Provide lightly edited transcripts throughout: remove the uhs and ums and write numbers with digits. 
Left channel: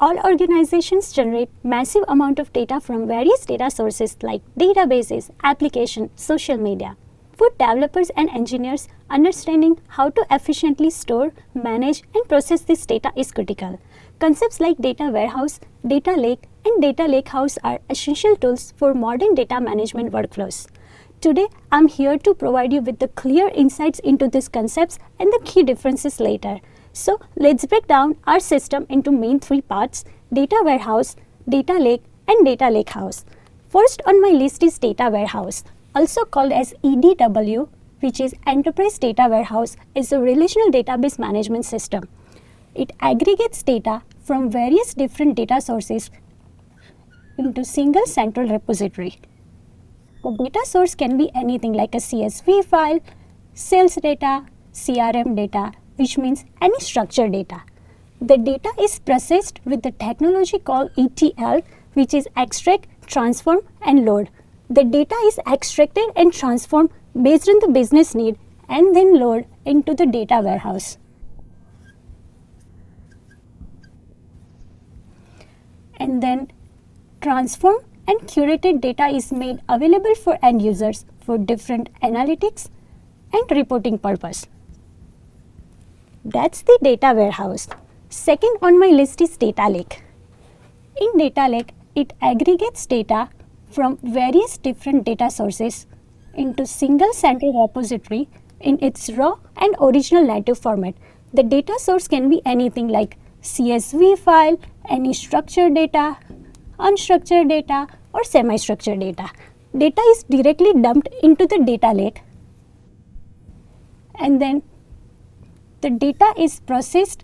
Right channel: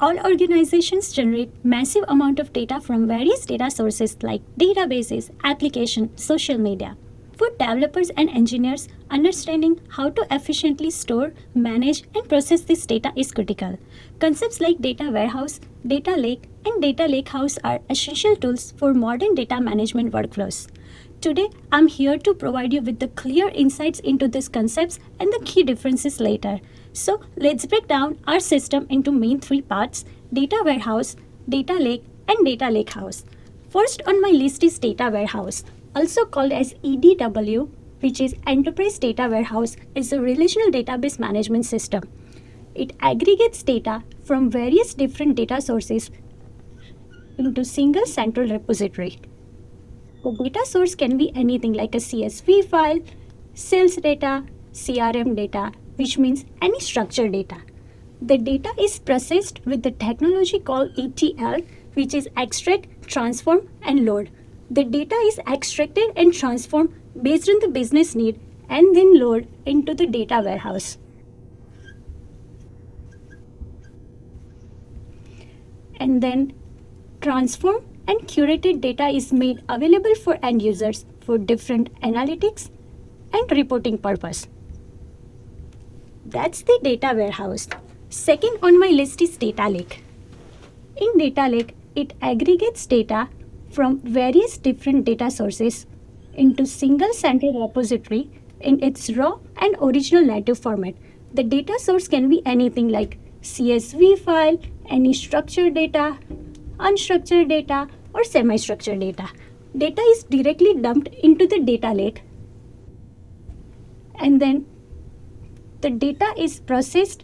all organizations generate massive amount of data from various data sources like databases, applications, social media. For developers and engineers, understanding how to efficiently store, manage, and process this data is critical. Concepts like data warehouse, data lake, and data lakehouse are essential tools for modern data management workflows. Today, I'm here to provide you with the clear insights into these concepts and the key differences later. So, let's break down our system into main three parts: data warehouse, data lake, and data lakehouse. First on my list is data warehouse, also called as EDW, which is Enterprise Data Warehouse, is a relational database management system. It aggregates data from various different data sources into single central repository. The data source can be anything like a CSV file, sales data, CRM data, which means any structured data. The data is processed with the technology called ETL, which is extract, transform, and load. The data is extracted and transformed based on the business need and then load into the data warehouse. And then transform and curated data is made available for end users for different analytics and reporting purpose. That's the data warehouse. Second on my list is data lake. In data lake, it aggregates data from various different data sources into single central repository in its raw and original native format. The data source can be anything like CSV file, any structured data, unstructured data, or semi-structured data. Data is directly dumped into the data lake, and then the data is processed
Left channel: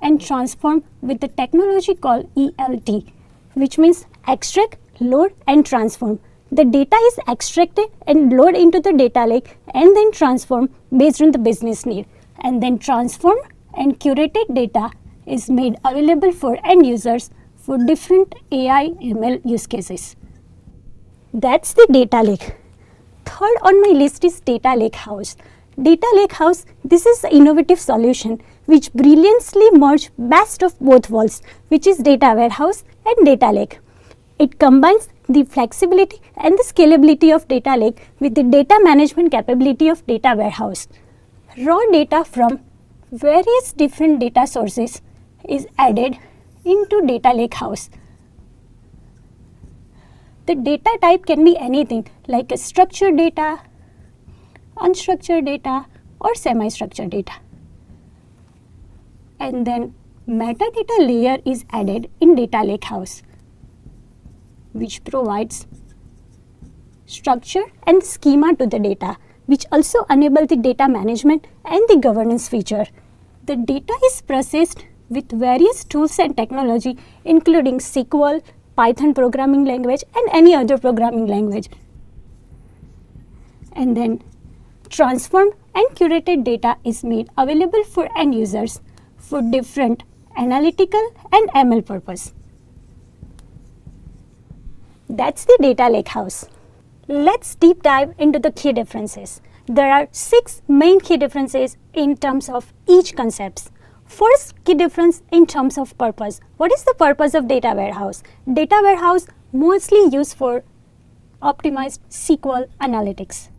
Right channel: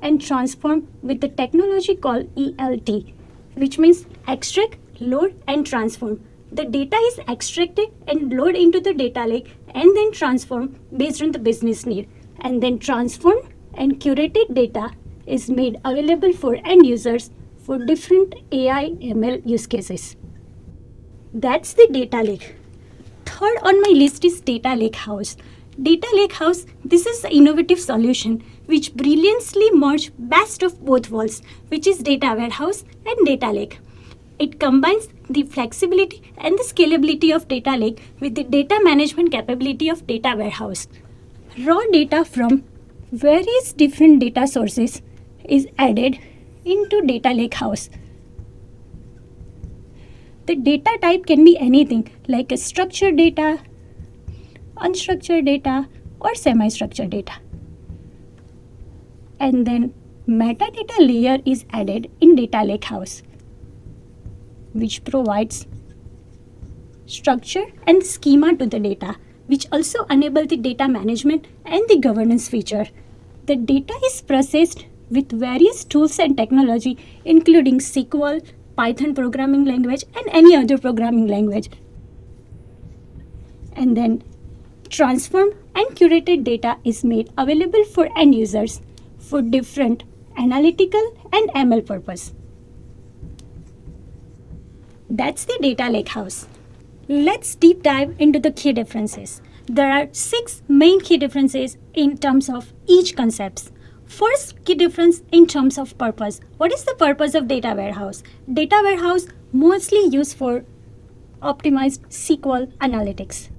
and transformed with the technology called ELT, which means extract, load, and transform. The data is extracted and loaded into the data lake and then transformed based on the business need. And then transformed and curated data is made available for end users for different AI ML use cases. That's the data lake. Third on my list is data lakehouse. Data lakehouse, this is an innovative solution which brilliantly merges best of both worlds, which is data warehouse and data lake. It combines the flexibility and the scalability of data lake with the data management capability of data warehouse. Raw data from various different data sources is added into data lakehouse. The data type can be anything like a structured data, unstructured data, or semi-structured data. And then metadata layer is added in data lakehouse, which provides structure and schema to the data, which also enable the data management and the governance feature. The data is processed with various tools and technology, including SQL, Python programming language, and any other programming language. And then transformed and curated data is made available for end users for different analytical and ML purpose. That's the data lakehouse. Let's deep dive into the key differences. There are 6 main key differences in terms of each concepts. First key difference in terms of purpose. What is the purpose of data warehouse? Data warehouse mostly used for optimized SQL analytics.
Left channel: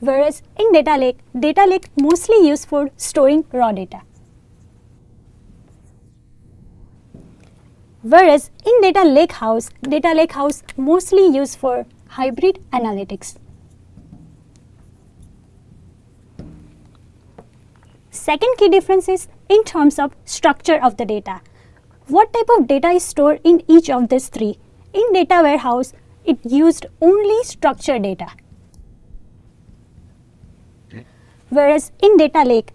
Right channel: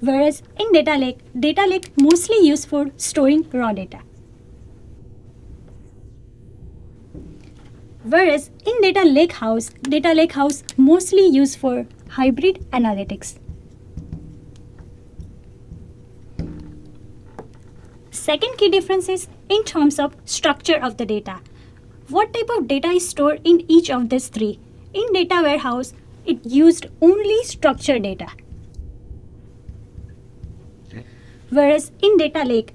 Whereas in data lake mostly used for storing raw data. Whereas in data lakehouse mostly used for hybrid analytics. Second key difference is in terms of structure of the data. What type of data is stored in each of these three? In data warehouse, it used only structured data. Whereas in data lake,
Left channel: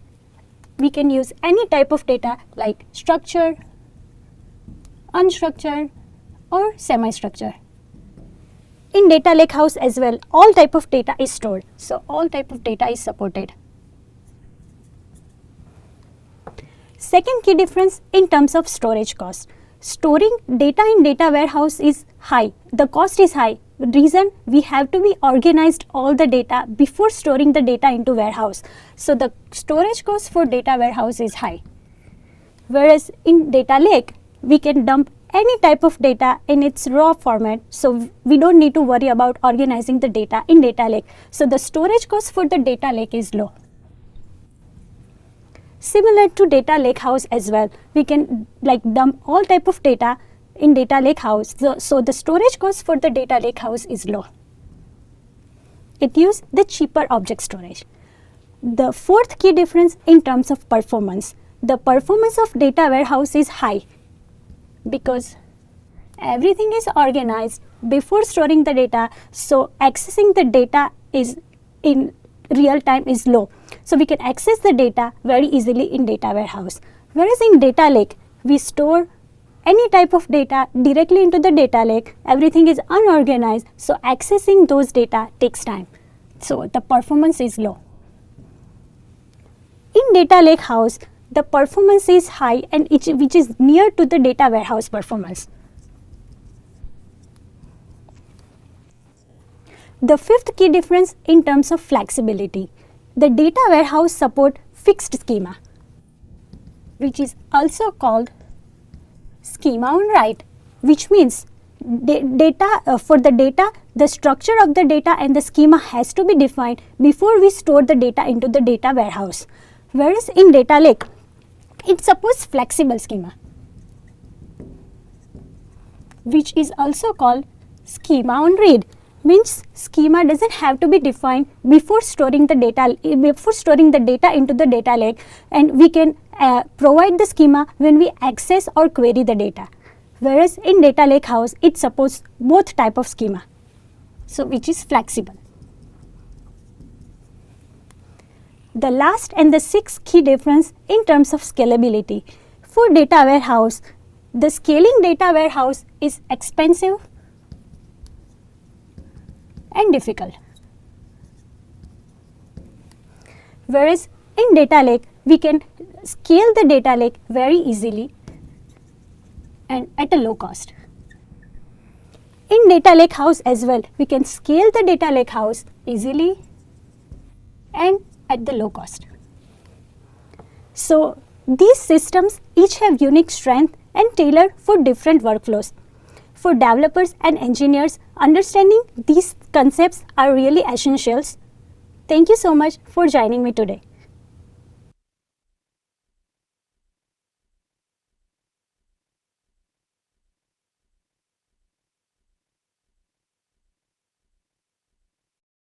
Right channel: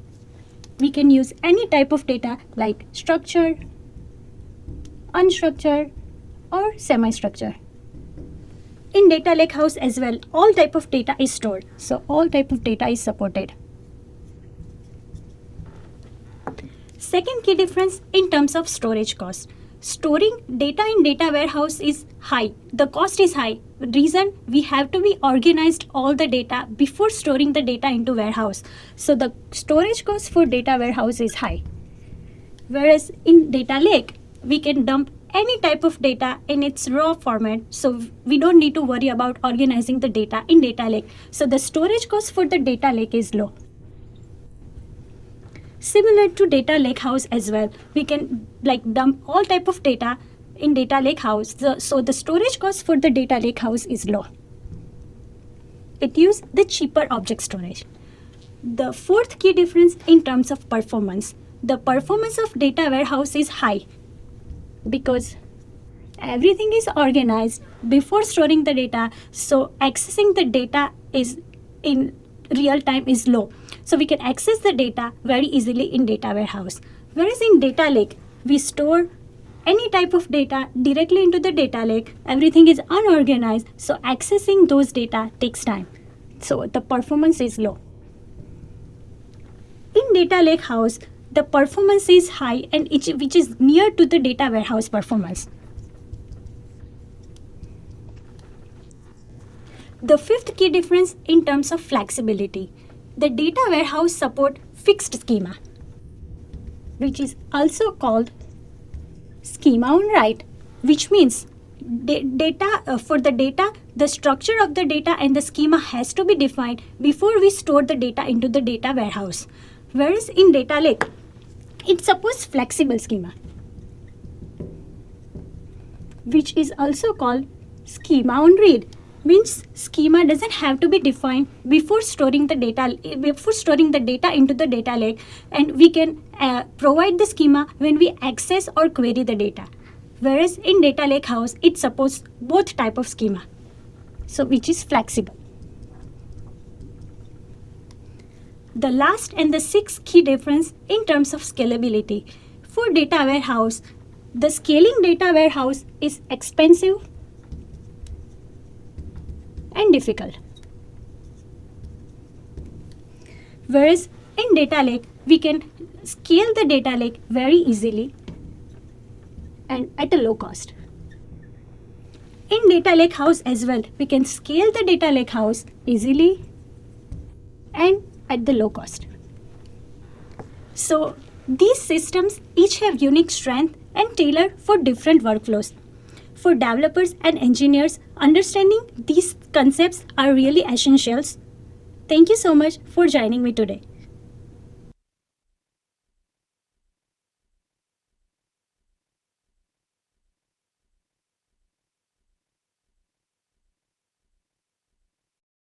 we can use any type of data like structured, unstructured, or semi-structured. In data lakehouse as well, all type of data is stored. So all type of data is supported. Second key difference in terms of storage cost. Storing data in data warehouse is high. The cost is high. The reason we have to be organized all the data before storing the data into warehouse. So the storage cost for data warehouse is high. Whereas in data lake, we can dump any type of data in its raw format, so we don't need to worry about organizing the data in data lake. So the storage cost for the data lake is low. Similar to data lakehouse as well, we can dump all type of data in data lakehouse. So the storage cost for the data lakehouse is low. It uses the cheaper object storage. The fourth key difference in terms of performance. The performance of data warehouse is high because everything is organized before storing the data, so accessing the data is in real time is low. So we can access the data very easily in data warehouse. Whereas in data lake, we store any type of data directly into the data lake. Everything is unorganized, so accessing those data takes time. So the performance is low. In data lakehouse, the performance is high and which is near to the data warehouse performance. The fifth key difference in terms of flexibility. The data warehouse support fixed schema, which is also called schema on write, which means for the data, the structure of the data and the schema has to be defined before we store the data into the data warehouse. Whereas in data lake, it supports flexible schema, which is also called schema on read. Means schema doesn't have to be defined before storing the data into the data lake, and we can provide the schema when we access or query the data. Whereas in data lakehouse, it supports both type of schema, so which is flexible. The last and the sixth key difference in terms of scalability. For data warehouse, the scaling data warehouse is expensive and difficult. Whereas in data lake, we can scale the data lake very easily and at a low cost. In data lakehouse as well, we can scale the data lakehouse easily and at the low cost. So these systems each have unique strength and tailored for different workflows. For developers and engineers, understanding these concepts are really essentials. Thank you so much for joining me today.